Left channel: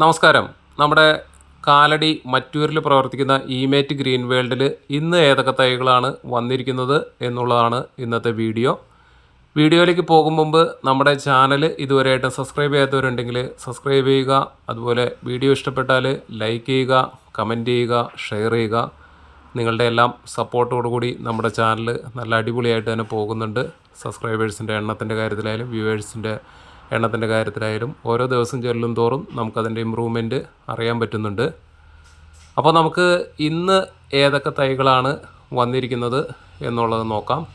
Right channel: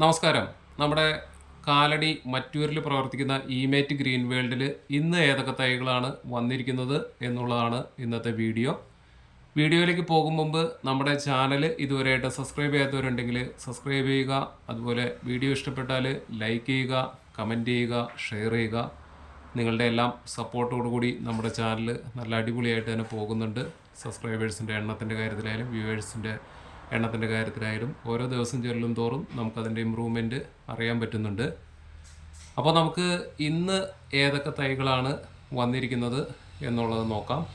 നമസ്കാരം. നമ്മുടെ കാലടി മറ്റൂരിൽ പ്രവർത്തിക്കുന്ന ഇമേറ്റ് ഗ്രീൻ വേൾഡിൽ ഇന്ന് ഏതൊക്കെ തൈകളാണ് വന്നിരിക്കുന്നത് എന്നുള്ളതാണ് ഇന്നത്തെ വീഡിയോ. വീഡിയോയിലേക്ക് പോകും മുമ്പ് നമ്മുടെ ചാനൽ ഇതുവരെയായിട്ട് സബ്സ്ക്രൈബ് ചെയ്യാത്തവരുണ്ടെങ്കിൽ സബ്സ്ക്രൈബ് ചെയ്യുക. അതുപോലെ വീഡിയോ ഇഷ്ടപ്പെട്ടാൽ ലൈക്ക് ചെയ്യുക കമന്റ് ചെയ്യുക ഷെയർ ചെയ്യുക. നിങ്ങളുടെ എല്ലാം സപ്പോർട്ടോടുകൂടി നമ്മുടെ ചാനൽ നല്ല അടിപൊളിയായിട്ട് തന്നെ പോകുന്നുണ്ട്. സബ്സ്ക്രൈബേഴ്സിന്റെ എണ്ണത്തിന്റെ കാര്യത്തിലായാലും വ്യൂവേഴ്സിന്റെ എണ്ണത്തിന്റെ കാര്യത്തിലായാലും ഓരോ ദിവസം ചെല്ലും തോറും നമുക്കതിന്റെ ഇമ്പ്രൂവ്മെന്റ് അറിയാൻ പറ്റുന്നുണ്ട്. അപ്പോൾ നമുക്ക് ഇന്ന് ഏതൊക്കെ തൈകളാണ് വന്നിരിക്കുന്നത് എന്നുള്ളത് നോക്കാം.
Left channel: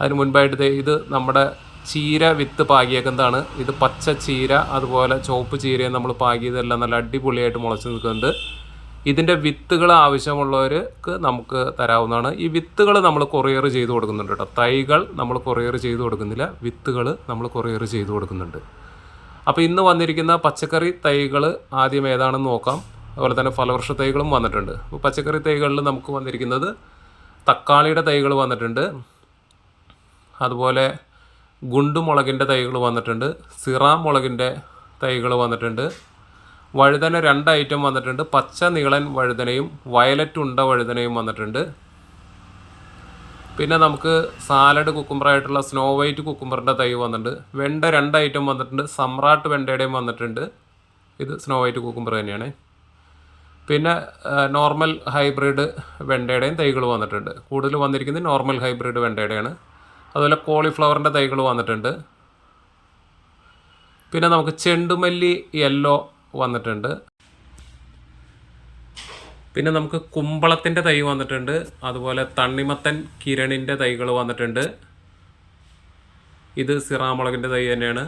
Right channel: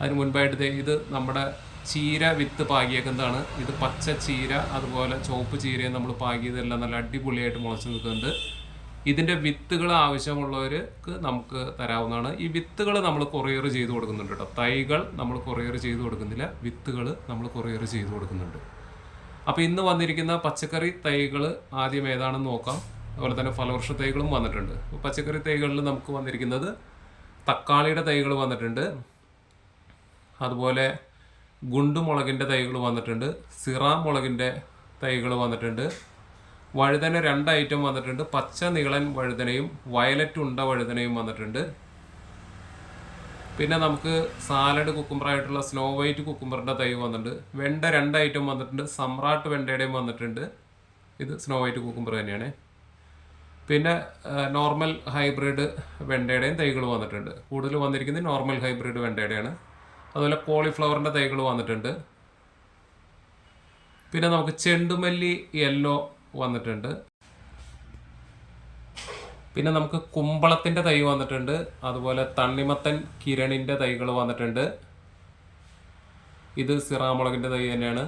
അതിന് മുൻപായിട്ട് ഇത് നമ്മുടെ ചീര വിത്ത് പാകിയേക്കുന്നതാണ്. ഇത് പച്ച ചീര അതുപോലെ ചുവപ്പ് ചീരയും നമ്മൾ പാകിയതെല്ലാം നല്ല അടിപൊളിയായിട്ട് മുളച്ച് നിൽക്കുന്നുണ്ട്. ഇതിന്റെ വിത്തുകൾ ആവശ്യമുള്ളവർക്ക് നമുക്ക് തരാവുന്നതാണ്. ഈ വിത്തുകൾ നമ്മൾ കൊറിയർ ചെയ്ത് കൊടുക്കുന്നുണ്ട് കേട്ടോ. തൈകൾ നമ്മൾ കൊറിയർ ചെയ്ത് കൊടുക്കുന്നില്ല. വിത്തുകൾ നമ്മൾ കൊറിയർ ചെയ്ത് കൊടുക്കുന്നുണ്ട്. അപ്പോൾ ഇന്ന് വന്നിരിക്കുന്ന പച്ചക്കറി തൈകൾ ആദ്യം ഏതാണെന്ന് നോക്കാം. അതുപോലെ തന്നെ ഫലവൃക്ഷ തൈകളും വന്നിട്ടുണ്ട്. അപ്പോൾ പച്ചക്കറി തൈകളിൽ നമുക്ക് വന്നിരിക്കുന്നത് തക്കാളിയുടെ തൈകൾ വന്നിട്ടുണ്ട്. അതുപോലെ ഗുണ്ടുമുളകിന്റെ തൈകൾ വന്നിട്ടുണ്ട്. സിറാമുളകിന്റെ തൈകൾ വന്നിട്ടുണ്ട്. വഴുതന രണ്ട് ഐറ്റം വന്നിട്ടുണ്ട്. പച്ച നീളൻ വഴുതനയും വയലറ്റ് ഉണ്ട വഴുതനയും വന്നിട്ടുണ്ട്. പിന്നെ നമുക്ക് സാലഡ് കുക്കുമ്പറായിട്ടുള്ള സ്നോ വൈറ്റ് കുക്കുമ്പറിന്റെ തൈ വന്നിട്ടുണ്ട്. വെണ്ട രണ്ട് ഐറ്റം വന്നിട്ടുണ്ട്. സമ്രാട്ട് വെണ്ടയുടെയും വന്നിട്ടുണ്ട്. ഇത് സ്നോ വൈറ്റ് കുക്കുമ്പർ തന്നെയാണ്. പിന്നെ നോർമൽ ഹൈബ്രിഡ് വെണ്ടയുടെയും തൈകൾ വന്നിട്ടുണ്ട്. കൂടുതൽ വന്നിരിക്കുന്നത് നോർമൽ ഹൈബ്രിഡ് വെണ്ടയുടെയാണ്. അതുപോലെ കോളിഫ്ലവറിന്റെ തൈകൾ വന്നിട്ടുണ്ട്. പിന്നെ നമുക്ക് ചെണ്ടുമല്ലി യെല്ലോ വന്നിട്ടുണ്ട്. പിന്നെ നമുക്ക് കുമ്പളത്തിന്റെ തൈ വന്നിട്ടുണ്ട്. അതുപോലെ തണ്ണിമത്തൻ കിരണിന്റെ തൈകൾ വന്നിട്ടുണ്ട്. ഇത് സിറാമുളകിന്റെ തൈ തന്നെയാണ്.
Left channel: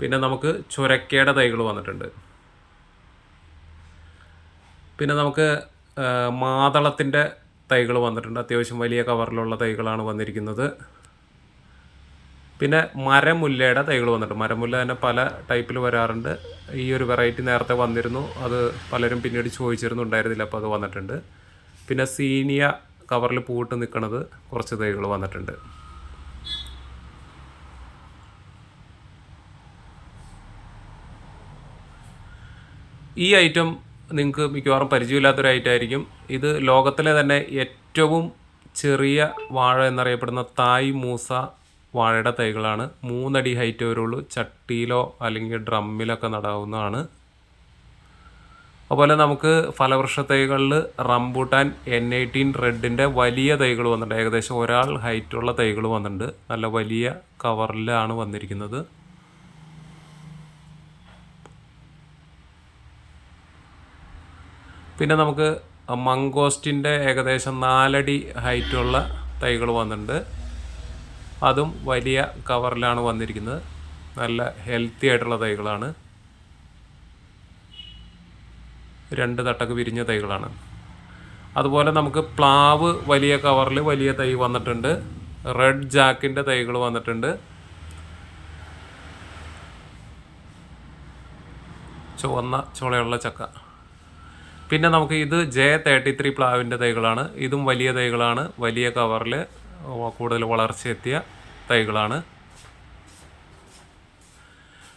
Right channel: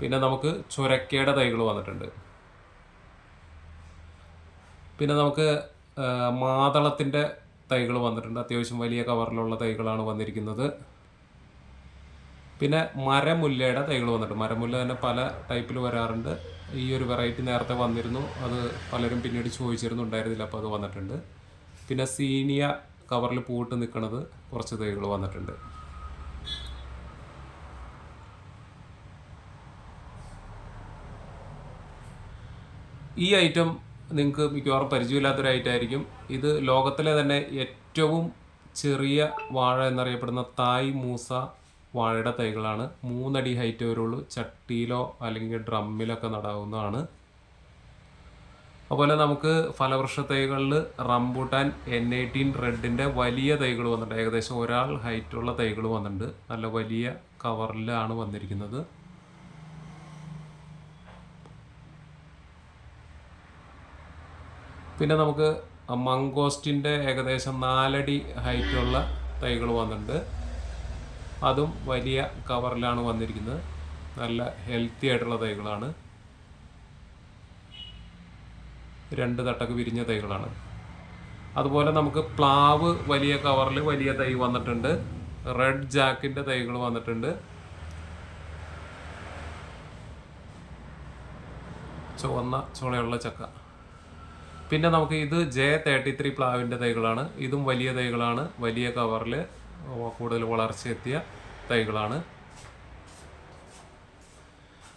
പിന്നെ നമുക്ക് ചുരക്കയുടെ തൈകൾ വന്നിട്ടുണ്ട്. പിന്നെ നമുക്ക് മാതളത്തിന്റെ തൈകൾ വന്നിട്ടുണ്ട്. അത്യാവശ്യം വലിയ കവറിലുള്ള തൈകളാണ് വന്നിരിക്കുന്നത്. പിന്നെ മരമുല്ലയുടെ തൈകൾ വന്നിട്ടുണ്ട്. മരമുല്ല തന്നെ പല ടൈപ്പിൽ വരാറുണ്ട്. ഈ ഒരു വെറൈറ്റി നേരത്തെ വന്നിരുന്നു. അത് പലരും പിന്നീട് ചോദിച്ചിരുന്നു ഉണ്ടായിരുന്നില്ല അപ്പോൾ അത് വന്നിട്ടുണ്ട്. പിന്നെ സീനിയ കവറിൽ പൂട്ട് നിൽക്കുന്നത് കുറച്ച് തൈകൾ വന്നിട്ടുണ്ട്. ഈ ഐറ്റം നിങ്ങൾക്ക് മിക്കവാറും പരിചയമില്ലാത്തൊരു ഐറ്റം ആയിരിക്കും. ഇത് ലോകത്തിലെ തന്നെ ഏറ്റവും ചെറിയ വാഴ എന്നറിയപ്പെടുന്ന തായ് മൂസ വാഴയുടെ തൈകളാണ്. മൂന്നടി ഹൈറ്റ് വരുള്ളൂ ചട്ടിയിലോ അല്ലെങ്കിൽ ഡ്രമ്മിലൊക്കെ നടാവുന്നതാണ്. അതുപോലെ നമുക്ക് ഫലവൃക്ഷ തൈകളിൽ റംബൂട്ടാൻ എൻ എയ്റ്റീൻ റെഡിന്റെ വലിയ തൈകൾ വന്നിട്ടുണ്ട്. ഏകദേശം ഒരാൾ ഹൈറ്റുള്ള തൈകൾ വന്നിട്ടുണ്ട്. നല്ല വലിയ കവറിലാണ് വന്നിരിക്കുന്നത്. പിന്നെ നമുക്ക് മങ്കോസ്റ്റിന്റെ ഏകദേശം നാലടി ഹൈറ്റുള്ള തൈകൾ വന്നിട്ടുണ്ട്. അതും വലിയ കവറിലാണ് വന്നിരിക്കുന്നത്. നല്ല ഹെൽത്തി ആയിട്ടുള്ള തൈകളാണ്. രണ്ട് തട്ടക്ക് വിരിഞ്ഞ തൈകളാണ്. അതുപോലെ നമുക്ക് പ്ലാവ് വലിയ കവറിൽ വലിയ തൈ വന്നിട്ടുണ്ട്. റെഡ് ജാക്കിന്റെ തൈകൾ വന്നിട്ടുണ്ട്. ചുവന്ന ചുളയുള്ള ചക്ക. പിന്നെ നമുക്ക് ഇത് ജെ തേർട്ടി ത്രീ പ്ലാവിന്റെ തൈകളാണ്. ഇതും വലിയ തൈകളാണ്. വലിയ കവറിൽ കൂടുതൽ വളർച്ചയെത്തിയ തൈകളാണ്.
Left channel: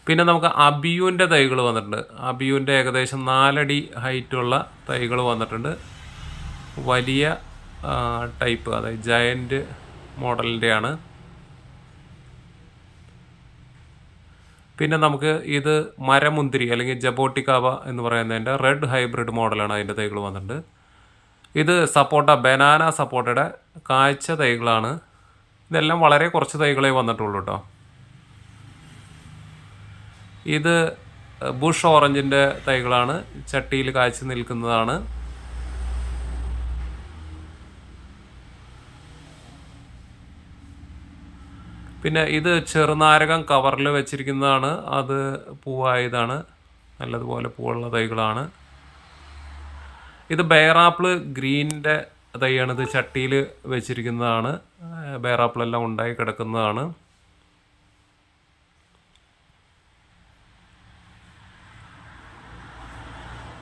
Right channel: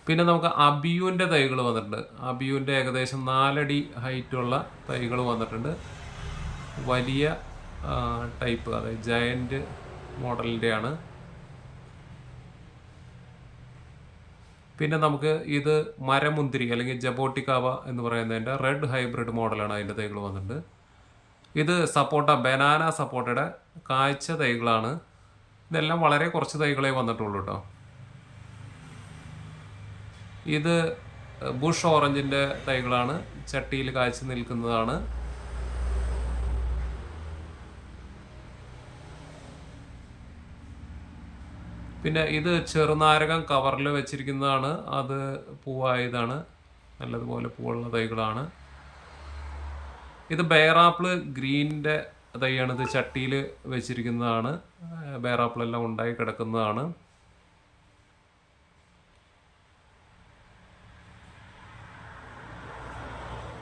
പിന്നെ നമുക്ക് അബിയുവിന്റെ തൈകൾ വന്നിട്ടുണ്ട്. അബിയുവിന്റെ ഏകദേശം നാലടി ഹൈറ്റുള്ള തൈകൾ വന്നിട്ടുണ്ട്. വലിയ ടൈപ്പ് അതായത് ജയന്റ് മോഡലിന്റെയാണ്. പിന്നെ നമുക്ക് ഇത് മരമുന്തിരി അല്ലെങ്കിൽ ജബോട്ടിക്കാവ എന്ന് പറയുന്നതിന്റെ റെഡ് ഹൈബ്രിഡ് മോഡലാണ് അതിന്റെ തൈകൾ വന്നിട്ടുണ്ട്. ഇത് സപ്പോട്ട ബനാന സപ്പോട്ടയുടെ കാഴ്ച തൈകളാണ്. ഇതെല്ലാം വളരെ കുറച്ച് തൈകളേ വന്നിട്ടുള്ളൂ കേട്ടോ ഇത് ബുഷ് ഓറഞ്ചിന്റെ തൈകളാണ്. ചട്ടിയിൽ കാഴ്ച നിൽക്കുന്നതാണ്. പിന്നെ ഇത് ചെറുനാരകം കവറിൽ വെച്ചിരിക്കുന്നതാണ്. അത് പൂവായതാണ്. നല്ലതുപോലെ പൂവുള്ള തൈകളാണ്. ഇത് ബേറാപ്പിൾ ഗ്രീനിന്റെ തൈയാണ്. ഇത് ചട്ടിയിൽ വെച്ചിരിക്കുന്നതാണ്. ബെയറാപ്പിളെല്ലാം ഉണ്ടായി കിടക്കുന്നതാണ്.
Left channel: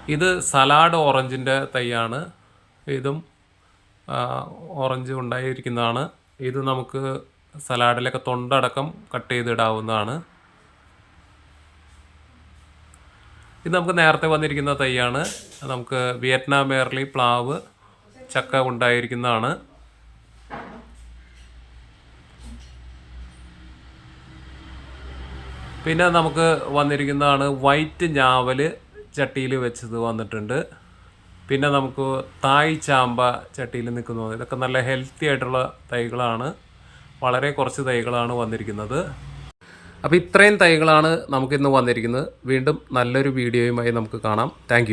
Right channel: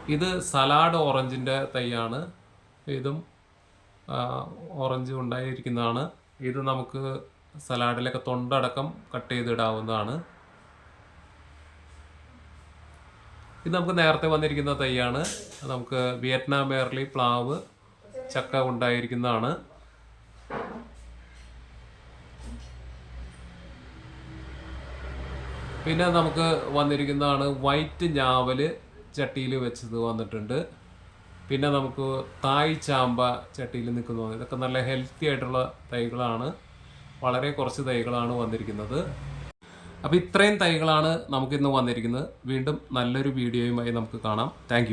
ഇത് സലാഡ് ഓറഞ്ചിന്റെ തൈയാണ്. ഇതും ഓറഞ്ച് ഉണ്ടായിരിക്കുന്നതാണ്. ഇത് നമുക്ക് സലാഡിലൊക്കെ തൊണ്ടടക്കം കട്ട് ചെയ്തിടാവുന്നതാണ്. ഇത് നമുക്ക് നേരത്തെ വന്നിരിക്കുന്ന തൈയാണ്. നമുക്ക് വിയറ്റ്നാം എയർലി പ്ലാവ് ചക്ക ഉണ്ടായിരിക്കുന്നതാണ്. പിന്നെ നമുക്ക് വന്നിരിക്കുന്നതാണ് വൈറ്റ് ഞാവൽ ചട്ടിയിൽ വെച്ചത് വന്നിട്ടുണ്ട്. പിന്നെ നമുക്ക് തായ് ചാമ്പ ചട്ടിയിൽ നിൽക്കുന്നത്. ഇതൊക്കെ നല്ല ഹെൽത്തി ആയിട്ടുള്ള തൈകളാണ്. വളരെ കുറച്ച് തൈകളാണ് വന്നിരിക്കുന്നത്. അപ്പോൾ ഇത്രയും തൈകളാണ് നമുക്കിന്ന് വന്നിരിക്കുന്നത്. വീണ്ടും നല്ലൊരു വീഡിയോയുമായി നമുക്ക് കാണാം. താങ്ക്